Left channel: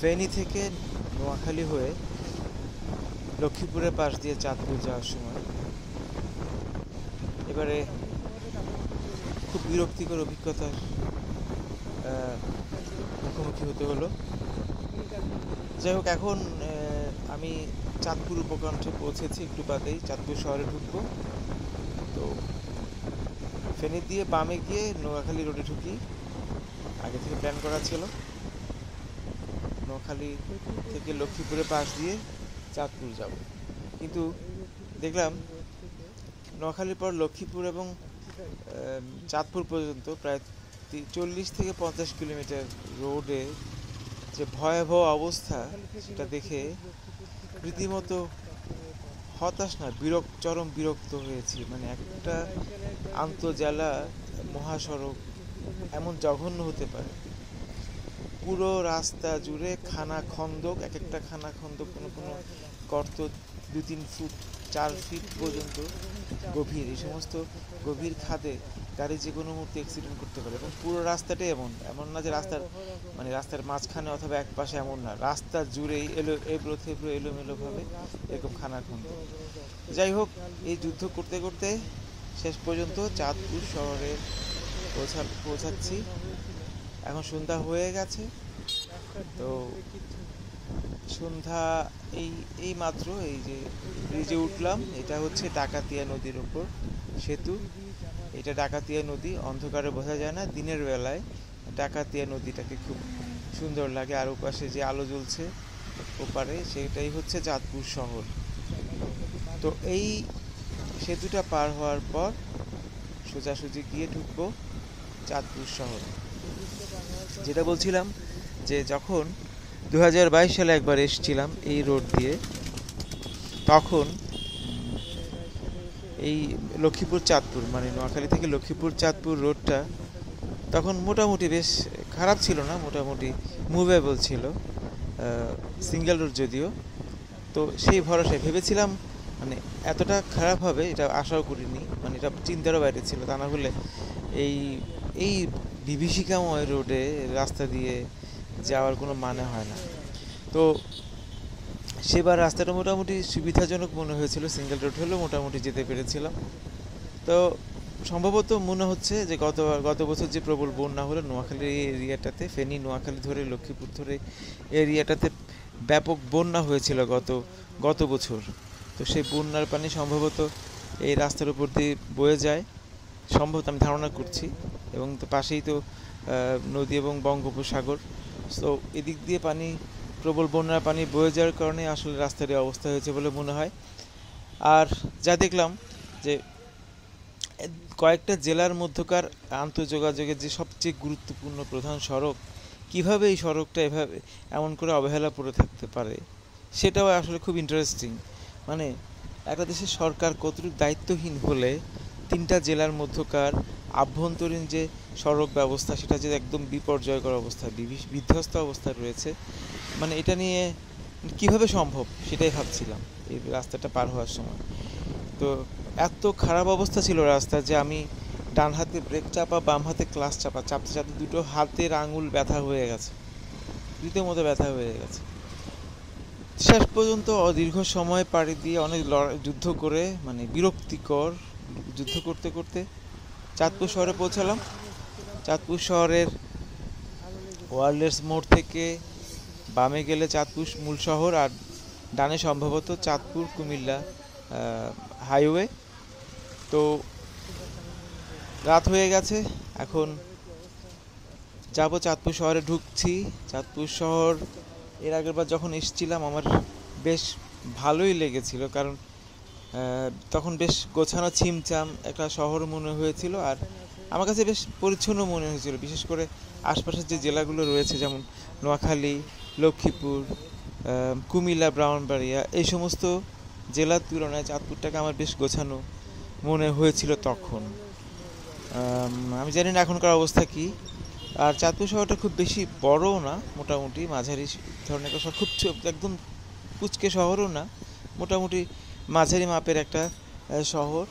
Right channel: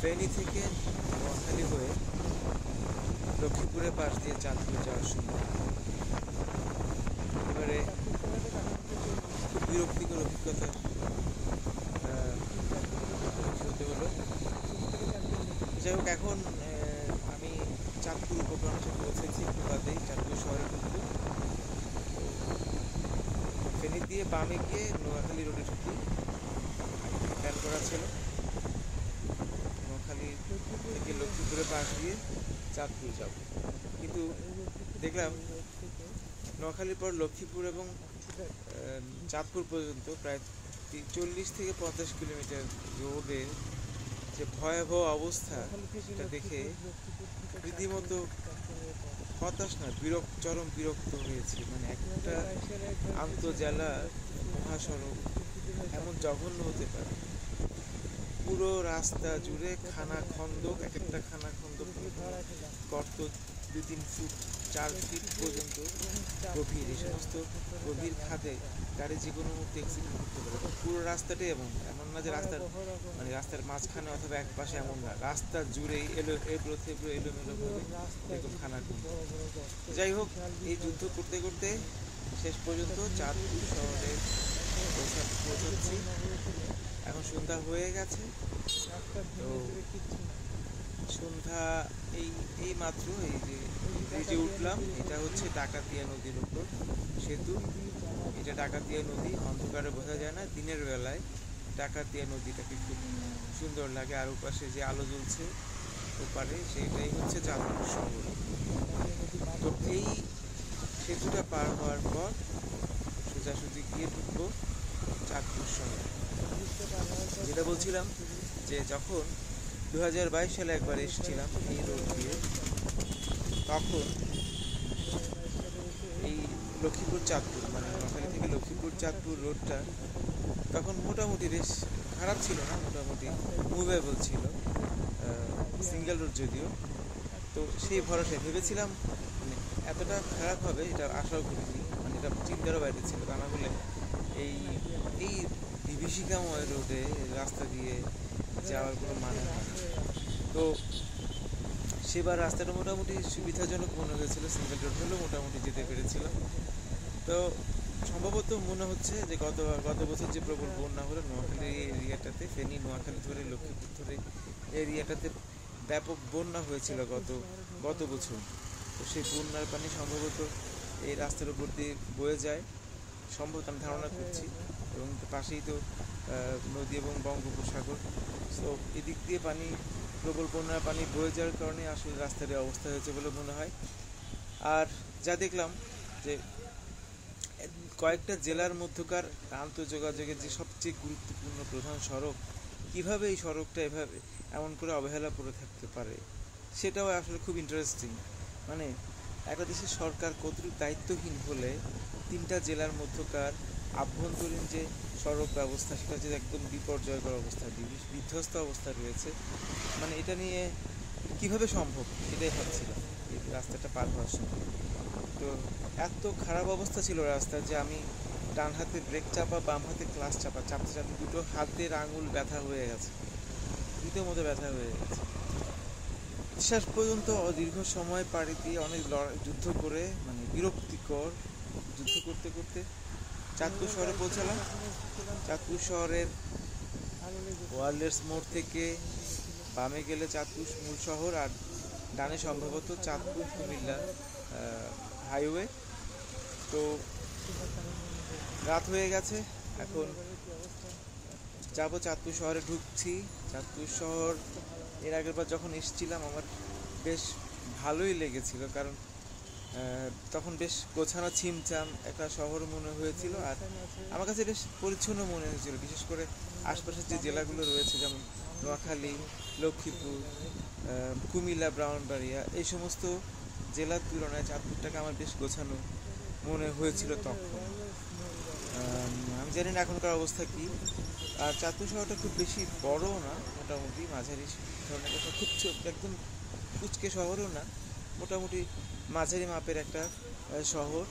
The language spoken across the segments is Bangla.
ফেনী থেকে নোয়াখালী হয়ে লক্ষ্মীপুরের পাশ দিয়ে চাঁদপুর যাওয়ার সময় এবারে খুব বিরক্তিকর অভিজ্ঞতার মুখোমুখি হতে হলো। যাই হোক, এখন আমি চাঁদপুর উপকণ্ঠে পৌঁছেছি, একটু বাদেই চাঁদপুর শহরে ঢুকবো। তো ফেনী দিয়ে বামে গিয়ে নোয়াখালী রোডে ঢুকি, আগে থেকে প্ল্যান করা ছিল। নোয়াখালী থেকে লক্ষ্মীপুরের পাশ দিয়ে চাঁদপুর যাব, কিন্তু দেখলাম নোয়াখালীর পর লক্ষ্মীপুর এবং চাঁদপুর পর্যন্ত প্রায় 40 থেকে 50 কিলোমিটার রোডে যে ভয়াবহ অবস্থা, সেটা দেখে রীতিমতো হতাশ না, চরম বিরক্ত হয়েছি। মানে একটা আন্তঃজেলা মহাসড়ক এমন জঘন্য হতে পারে? পুরো রাস্তা জুড়ে খানা খন্দক, এক একটা খানা খন্দক কোনো কোনো গর্ত 2-3 ফুট 4 ফিট পর্যন্ত গভীর। এই সমস্ত গভীর খাদে গাড়ি যে কোনো মুহূর্তে অ্যাক্সিডেন্ট করতে পারে। পুরো রাস্তাটাই এমন না যে রাস্তার মাঝখানে অথবা এক পাশে, এমন না, রাস্তা জুড়েই এলোমেলোভাবে এরকম খানা খন্দক। যাই হোক, এই যুদ্ধ করতে করতে শেষ পর্যন্ত চাঁদপুর শহরে পৌঁছাচ্ছি। এখন সন্ধ্যা হয়ে গেছে। তো সন্ধ্যা এই মাত্র এই যে ব্রিজে উঠলাম, এটা হচ্ছে ডাকাতিয়া নদীর উপর সেতু। এটা ডাকাতিয়া নদী, অন্ধকারে বোঝা যায় না, দিনের বেলায় ডাকাতিয়া নদীটাকে খুব সুন্দর লাগে। আর ওপাশে যে আলো জ্বলছে ওপারে, সেটাই হচ্ছে চাঁদপুর শহর। তো এই সেতুটা পার হওয়ার পর সোজাসুজি গিয়ে ঢুকবো চাঁদপুর শহরে। যেটা বলছিলাম, যে যখন 2022 সালে একবার এসেছিলাম এই রোড দিয়ে, তখন এই লক্ষ্মীপুর চাঁদপুর, মানে নোয়াখালী থেকে লক্ষ্মীপুর চাঁদপুর রোডটা তখন মোটামুটি বেশ খারাপ ছিল না, মোটামুটি মুভেবল ছিল, সিঙ্গেল রোড যদিও। তো সেই ভরসায় ভেবেছিলাম, মানে এতটা খারাপ হবে এটা আশাও করিনি, মানে এটা চিন্তারও বাইরে ছিল। তা না হলে এই বিভীষিকাময় রোডে রাস্তা দিয়ে যাওয়ার কোনো মানে হয় না। তো সেবার রাস্তাটা মোটামুটি সুবিধাজনক মনে হয়েছিল, সিঙ্গেল রোড হলেও মোটামুটি যেতে পেরেছিলাম। তো সম্ভবত মনে হচ্ছে যে গত বছর যে প্রবল বন্যা হলো নোয়াখালী এরিয়াটাতে, ফেনী নোয়াখালী ধরে লক্ষ্মীপুর ধরে এরিয়াটাতে ব্যাপক বন্যা হয়েছিল গত বছর। তো সেই বন্যার পানি সম্ভবত এই রাস্তার উপর দিয়ে বয়ে যায়, সম্ভবত আমি ধারণা করছি। এবং তো পাশেই তো নদী এবং বঙ্গোপসাগর। তো এদিক দিয়ে প্রবল বন্যার পানি বয়ে যাওয়ার কারণে আসলে রাস্তার অবস্থা হয়েছে বলে মনে হয়। আর যা দেখলাম, যে কয়েকটা জেলার মধ্যকার আন্তঃযোগাযোগের যে সবচেয়ে গুরুত্বপূর্ণ প্রধান সড়ক, কিভাবে এই সড়কটা এমন করে অবহেলা পড়ে থাকতে পারে, সেটাও আসলে খুব ইন্টারেস্টিং। মানে একটা দেশের সরকার কতটুকু দায়িত্বহীন হলে 3টা জেলার মধ্যকার আভ্যন্তরীণ যে সড়ক ব্যবস্থা, সেটা যে একদম বিপর্যয়কর অবস্থা, বিধ্বস্ত অবস্থায় রয়েছে। মানে এটা নিয়ে কিভাবে সম্ভব সেটাই ভাবছিলাম এই রাস্তাটা পার হওয়ার সময়। তো এত খারাপ অবস্থা ছিল রাস্তার যে আমি ডান হাতে ব্রেক চাপা, বাম হাতে ক্লাচ চাপা, চাপতে চাপতে দুটো হাতের আঙুল ব্যথা হয়ে গেছে, রীতিমতো ব্যথা হয়ে গেছে। শেষ পর্যন্ত দীর্ঘ সময় পাড়ি দিয়ে অনেক যুদ্ধ করে, মানে বিরক্তিকর যুদ্ধ করতে করতে চাঁদপুর শহরে পৌঁছালাম। চাঁদপুর শহরের ওয়ারলেস মোড় থেকে বামে গেলে চাঁদপুর মূল শহর, আর ডানে সম্ভবত চাঁদপুর কুমিল্লা হাইওয়ে। তো রাত হয়ে গেছে, এখন যাব চাঁদপুর শহরে, ঢুকছি। চাঁদপুর শহর এর আগের বার যখন এসেছিলাম আমার বেশ ভালোই লেগেছিল, কারণ তখন বেশ গোছানো ছিমছাম একটা শহর মনে হয়েছিল, আর আমার কাছে বেশ পরিচ্ছন্ন মনে হয়েছিল। বিশেষ করে আশপাশের যে জেলাগুলো রয়েছে, যেমন নোয়াখালী, লক্ষ্মীপুর, কুমিল্লা, ব্রাহ্মণবাড়িয়া, এই সমস্ত জেলার তুলনায় চাঁদপুরটাকে আমার বেশ গোছানো মনে হয়েছিল তখন। আমি জানি না এখনকার অবস্থা কি। আর চাঁদপুর শহরটা খুব বেশি বড়ও না, মোটামুটি মাঝারি ধরনের একটা শহর, খুব একদম কুচকে শহরও না, মোটামুটি মাঝারি মাপের একটা শহর।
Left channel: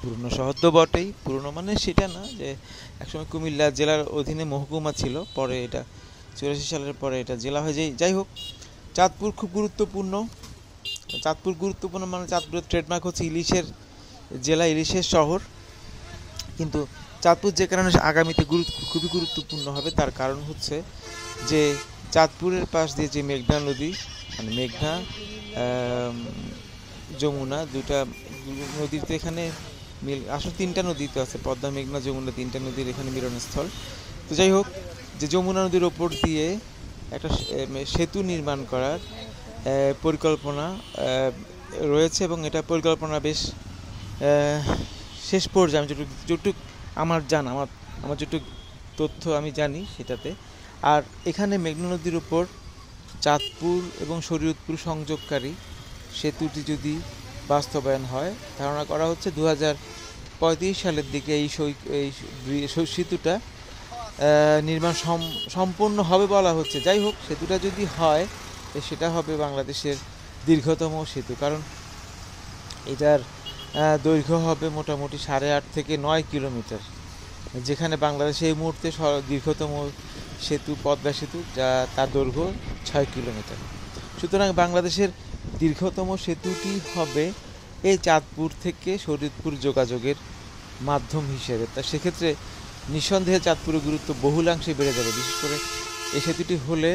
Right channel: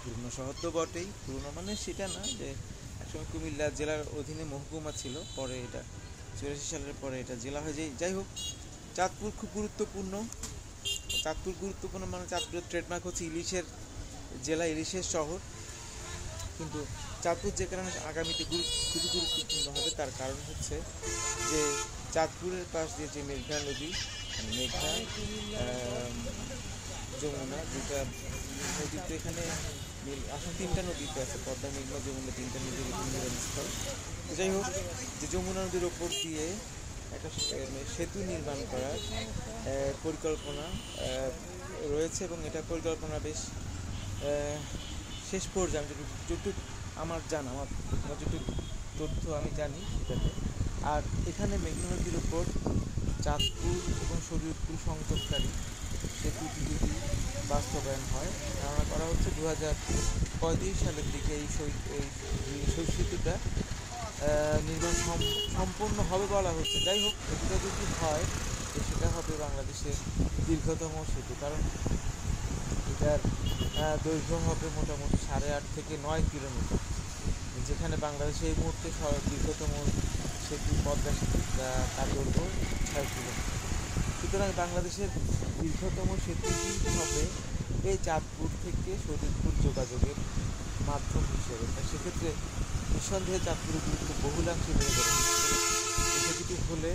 পুরনো শহর তো বটেই, পুরনো মানে সেটা না যে একসময় কুমিল্লা জেলার অধীনে মহকুমা ছিল, পরে এটা 84 সালের পরে এটা জেলা হয়ে যায়। যাই হোক, চাঁদপুর খুব গুরুত্বপূর্ণ। চাঁদপুর গুরুত্বপূর্ণ মানে চাঁদপুরের ট্রেডমার্ক হচ্ছে ইলিশের জেলা, ইলিশের শহর। কিন্তু চাঁদপুর যে কারণে আগামীতে খুবই গুরুত্বপূর্ণ হবে, তার কারণ হচ্ছে যে চাঁদপুরের পাশ দিয়ে যে মেঘনা নদী, মানে মেঘনা যমুনা, দুটা নদীতে এখানে আসলে 3টা নদীতে আছে, পদ্মা, মেঘনা, যমুনা, 3টা নদীর এখানে মিলনস্থল। তো যাই হোক, যে যমুনা নদীর ওপর দিয়ে একটা সেতু নির্মাণ করার পরিকল্পনা রয়েছে, এবং এটা পরিকল্পনা বেশ শেষ পর্যায়ে আমি যেটুকু আমার জানা, আমার যেটুকু তথ্য আমি জানি সেটাতে। আর এখানে মেঘনা নদীর উপর চাঁদপুর এবং শরীয়তপুর সংযোগকারী সেতুটি যদি বাস্তবায়ন হয়, ধারণা করা হচ্ছে 2035 সালের দিকে এই সেতুটা নির্মাণ সম্পূর্ণ হবে বলা হচ্ছে। যাই হোক, সেতুটা যদি হয় সেটা হবে বাংলাদেশের দীর্ঘতম সেতু, কারণ এটার দৈর্ঘ্য হবে মোটামুটি 8.5 থেকে 9 কিলোমিটার, যেখানে বাংলাদেশে এই মুহূর্তে দীর্ঘতম সেতু পদ্মা সেতু, যা তার দৈর্ঘ্য 6 কিলোমিটার। সুতরাং বাংলাদেশের দীর্ঘতম সেতুটি হবে এই চাঁদপুর থেকে শরীয়তপুর যোগাযোগের মাধ্যম হিসেবে। তা সেক্ষেত্রে নিঃসন্দেহে চাঁদপুরের গুরুত্ব বহুলাংশে বেড়ে যাবে। বিশেষ করে এই সেতুটি হলে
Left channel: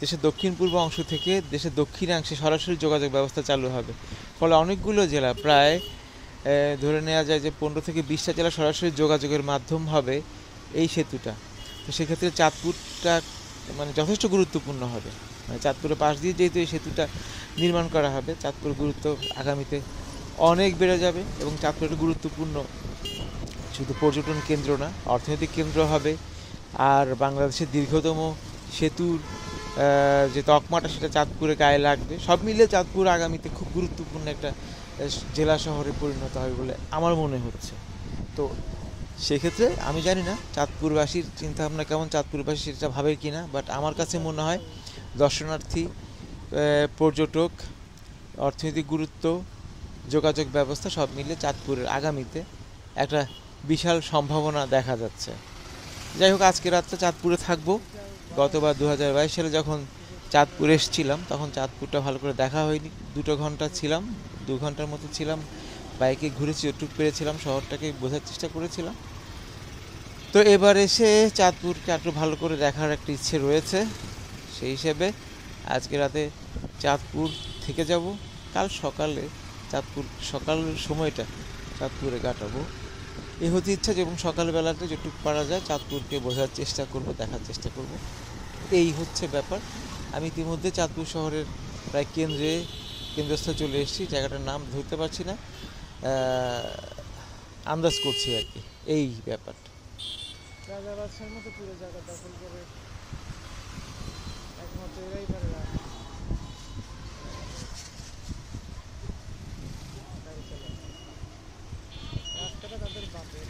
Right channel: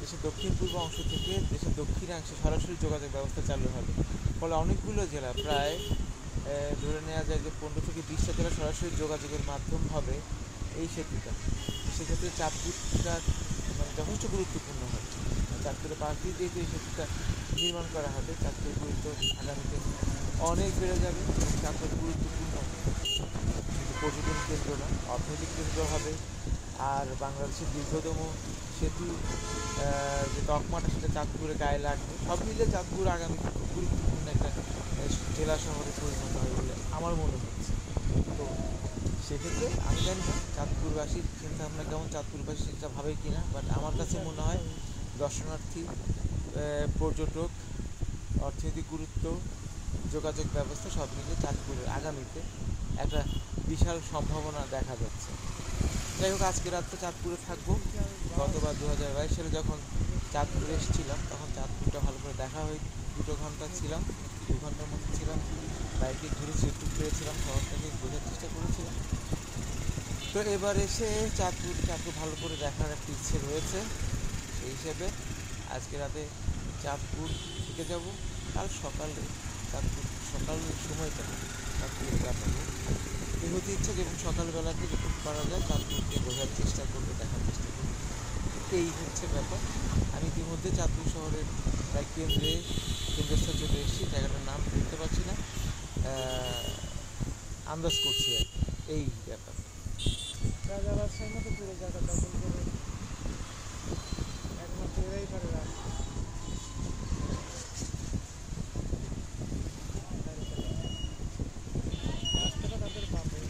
দেশের দক্ষিণ পূর্ব অংশ থেকে দেশের দক্ষিণাংশে সরাসরি যোগাযোগ ব্যবস্থা চালু হবে। ফলে অনেকগুলো জেলা, প্রায় ধরে নেওয়া যায় যে 15 থেকে 20টা জেলা সরাসরি যোগাযোগের মাধ্যম হবে এই সেতুটা। তো সেক্ষেত্রে চাঁদপুরটা মানে যথেষ্ট গুরুত্বপূর্ণ হবে। চাঁদপুরের পাশ দিয়ে যেহেতু এই সেতুটা নির্মাণ করা হবে, চাঁদপুরের গুরুত্ব আগামীতে অনেক বেড়ে যাবে। এবং চাঁদপুরের গুরুত্বপূর্ণ শুধু পর্যটন কেন্দ্র না, অর্থনৈতিক কেন্দ্র হবে। আর বাংলাদেশের দীর্ঘতম সেতুর যে তকমাটা, সেটা চাঁদপুরে গায়ে লাগবে। সব মিলে চাঁদপুর আগামীতে খুব গুরুত্বপূর্ণ একটা জেলা শহরে পরিণত হবে বলে আমার মনে হচ্ছে। তো সেক্ষেত্রে আমি জানি না চাঁদপুরবাসীর চিন্তাভাবনা কেমন, চাঁদপুরবাসী সেটা ভাবে কি না, বাট আমার কাছে মনে হয় দর্শনার্থী, পর্যটক, অর্থনৈতিক গুরুত্ব, যোগাযোগ ব্যবস্থা সব মিলে চাঁদপুরের আগামীতে একটা বিশাল সম্ভাবনা দেখা যাচ্ছে। যাই হোক, আজকে রাতটা চাঁদপুরে থাকবো। গতবার 2022 সালে যখন চাঁদপুরে এসেছিলাম, তখন চাঁদপুরটা ভালো করে দেখা হয়নি। 2 ঘন্টা ছিলাম, 2 ঘন্টার মতো ছিলাম, বাইকে ঘুরেছি, যতটুকু পেরেছিলাম শহরটাকে বোঝার চেষ্টা করেছিলাম। তো এবার এসে চাঁদপুরকে একটু ভালো করে দেখার একটা ইচ্ছে রয়েছে। সেই হিসেবে আজকে রাতে চাঁদপুর থেকে যাব, কাল সকালে চাঁদপুর সকাল সময়টা চাঁদপুরে কাটাবো এই হতে ইচ্ছা। এবং সকালবেলাতে যেটুকু পারা যায় চাঁদপুরকে বোঝার চেষ্টা করব, দেখার চেষ্টা করব, এই হচ্ছে ব্যাপার। আমি ইতিমধ্যে চাঁদপুর শহরের প্রায় কেন্দ্রস্থলে চলে এসেছি। জায়গাটার নাম ধরতে পারছি না, আন্দাজ করছি আর কি, এই ব্যাপারটা। রাজা বাদশার মতো পুরো জায়গা দখল করে একমাত্র এরাই পারে রাস্তাটা তাদের বাপের।